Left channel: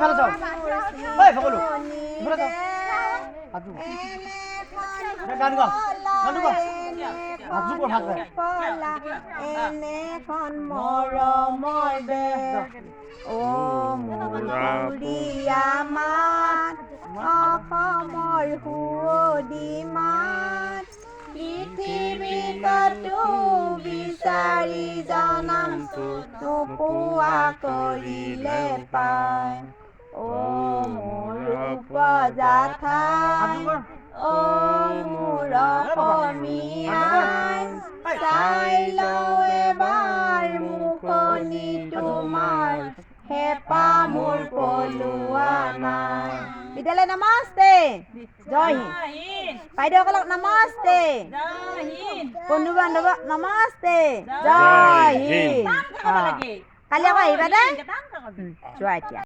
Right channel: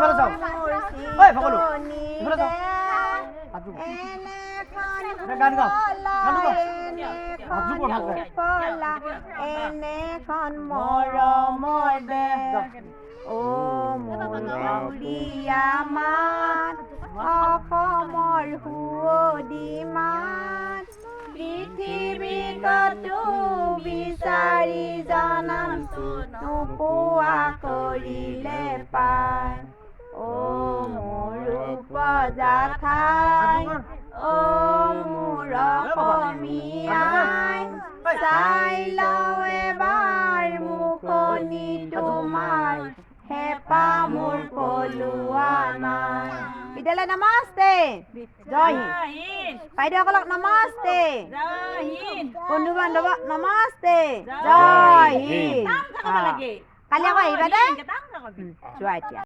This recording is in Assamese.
ইফালে যাও ঐ সকলো ইফালে যাও গান গা এনেখন মৰমৰ দেশ অ মৰিয়া মাত অসমৰ সুৱদী মাত পৃথিৱীতো বিচাৰি জনামটো নোপোৱা কৰিলে পায় অ মোৰ উপজা ঠাই অ মোৰ অসমীয়াই চাই লওঁ এবাৰ মুখনি তোমাৰ হেঁপাহ মোৰ পলোৱা নাই বিদ্যালয় নমস্তে জয় হিন্দ বাইদেউসকলক নমস্তে বন্ধু বান্ধৱক নমস্তে জয় হিন্দ কালি আকৌ আহিবা দেই যোৱা এতিয়া